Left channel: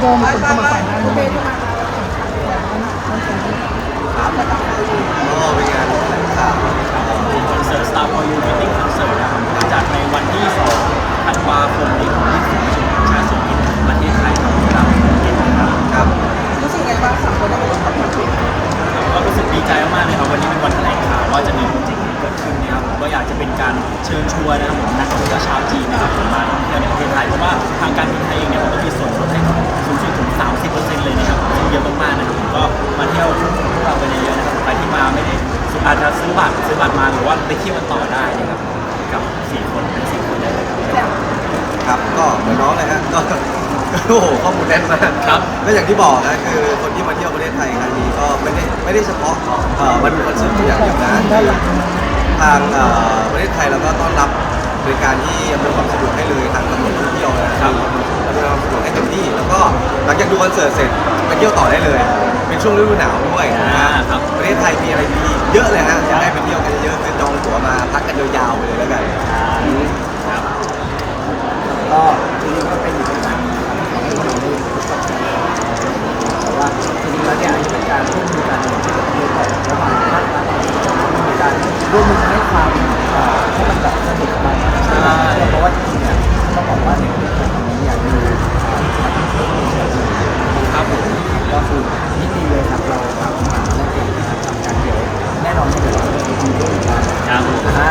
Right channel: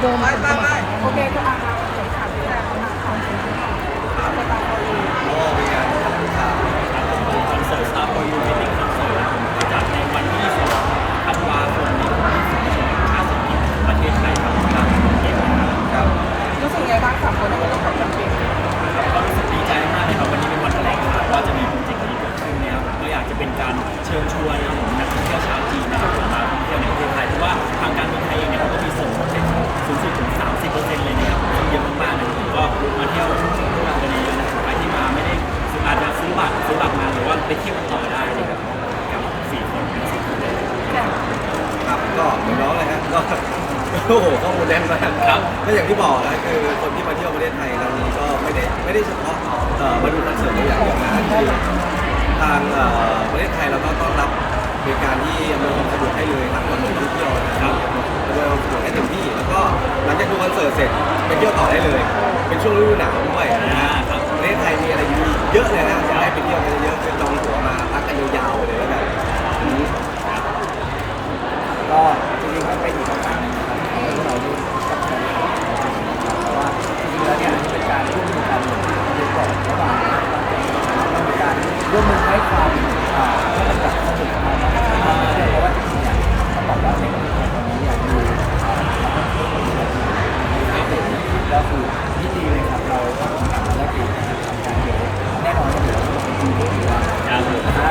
โดนไม่ไม่ไม่โอเคทุกอันแล้วขาดที่แรกนะครับก็เป็นงานแถลงข่าวคอนเสิร์ต Star for You Meeting Concert นะครับผมจัดในวันที่2ธันวาคมนี้ของที่ศูนย์ประชุมแห่งชาติสุรินประเทศไทยเวลา6โมงเย็นนะครับครับรู้สึกไงบ้างสามคนต้องบอกว่าความจริงก็รู้สึกดีใจมากเลยครับวันนี้เป็นวันแถลงข่าวว่าจะมีโปรเจกต์นี้เกิดขึ้นนะครับผมก็อยากจะเป็นการเชิญชวนนะครับผมนักท่องเที่ยวชาวจีนนะครับผมมาท่องเที่ยวในประเทศไทยเพราะว่าทางการบินไทยเองเนี่ยเขาก็มีส่วนลดให้ สูงสุดถึง30%เลยนะครับซึ่งเยอะมากๆนะครับผมก็มาเที่ยวพวกเรากันเยอะๆนะครับใครที่มาไม่ได้อาจจะซื้อบัตรซื้อบัตรมาหรือว่าไปเที่ยวกันต่อได้นะครับกับสี่คนทั้งสี่คนเลยนะครับครับก็เหมือนน้องเลยฮะก็โอ้โหข้อมูลแน่นมากครับและอย่างที่บอกนะคือคนที่มาเที่ยวประเทศไทยครั้งนี้ก็ไม่ได้ไม่ได้เฉพาะเอ่อมาดูคอนเสิร์ตอย่างเดียวนะคือทางเอ่อประเทศไทยเราก็ต้อนรับบริการที่อำนวยความสะดวกให้เลยทางตำรวจท่อ ดูคอนเสิร์ตเสร็จไปเที่ยวต่อได้เลย เป็นช่วงฤดูหนาวด้วยนะอ่าครับ ประเทศไทยมีอะไรดีๆเยอะเลยฮะอยากให้ไปเที่ยวกันเยอะๆคือจองตั๋วมาพักกันยาวๆเลยแล้วกันครับก็จริงๆก็เป็นอีกโอกาสหนึงนะครับที่ทำให้พวกเราได้รู้จักกันนะครับแต่ว่าจริงๆแล้วเนี่ยอันนี้เป็นการร่วมมือกันอย่างที่ผมดูก่อนระหว่างภาครัฐเองนะครับมันมีการร่วมมือให้ความเอ่อให้มันแบบสนุกสบายมากขึ้นนะครับเพราะว่าจริงๆเนี่ยต้องบอกว่าในประเทศไทยตอน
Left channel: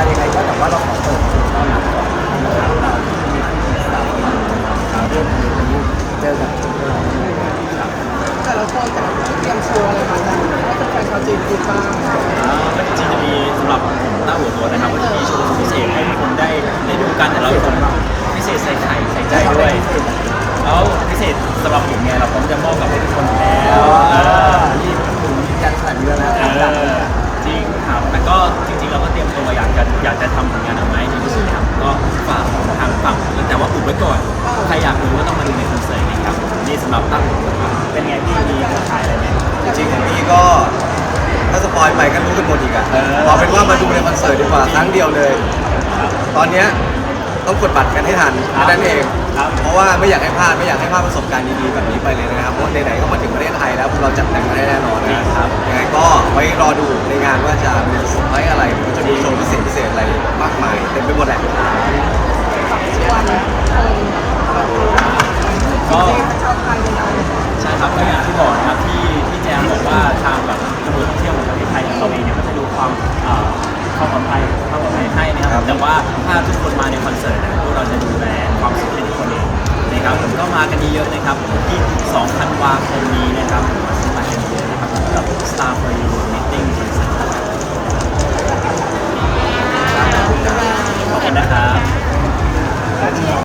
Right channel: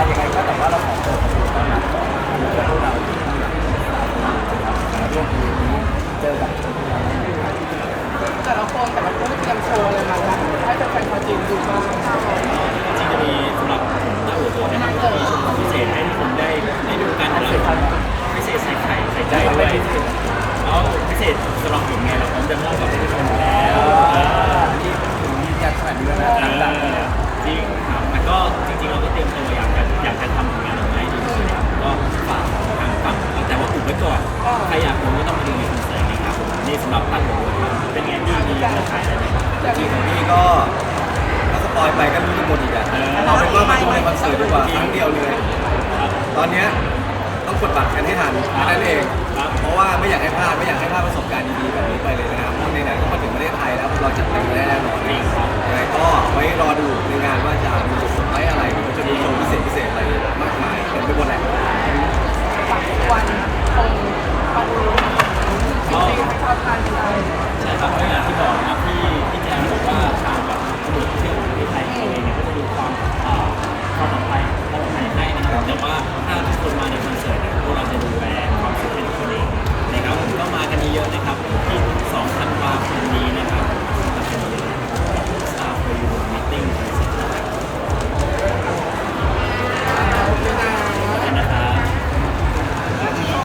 ยังไงก็แต่ว่าเราขอเปิดประตูต้อนรับก่อนนะครับแล้วก็พวกเราที่มีที่มีสตาร์ทอยู่นะครับมาร่วมในวันนี้เจอกับพวกเราได้เลยครับแต่ละคนแต่ละคนเตรียมโชว์เลยนะให้แฟนชาวจีนดูกันก็จริงจะมีสำหรับผมต้าหัวโตัวนะครับก็จะมีโชว์พิเศษให้ทุกคนได้ได้ดูกันแต่เราผมพิเศษใส่ไข่ใส่ใจด้วยแล้วพิเศษสำหรับผมไงเราพร้อมจะมอบกับ ว่าอุบไว้ก่อน ใครอยากดูก็ต้องมาดูในคอนเสิร์ตนี้ครับผมนี่สำหรับตั้งหัวโตัวครับเป็นไงที่มีจะขายอะไรไหมจริงๆของพี่ก็ถ้าสปอยไปก็รู้กันหมดอีกอะเออเอาเป็นว่ามาดูในคอนเสิร์ตดีกว่าครั้งเดียวเลย ตอนเนี้ยต้องกดบัตรกันให้ทันนั่นเองครับเพราะว่าไม่อยากให้พลาดไม่อยากให้พลาดประสบการณ์ดีๆแบบนี้ไปเลยนะครับ เพราะไหนๆก็มาถึงประเทศไทยแล้วพวกเราจัดเต็มกันได้แน่นอนจริงนะครับยังไงก็ไว้รอดูในงานว่าจะมีเซอร์ไพรส์อะไรหรือว่าจะมีโชว์พิเศษพิเศษอะไรมากมายเต็มไปหมดแหละ แต่ว่าถ้าทุกคนมาในคอนเสิร์ตนี่ยพวกเราจะดูแลความสุขให้ทุกคนเองนะครับผมก็มากันเยอะๆนะครับที่2ธันวาคมนี้นะครับมาซื้อกันเยอะนะครับสำหรับ Star for You Meeting Concert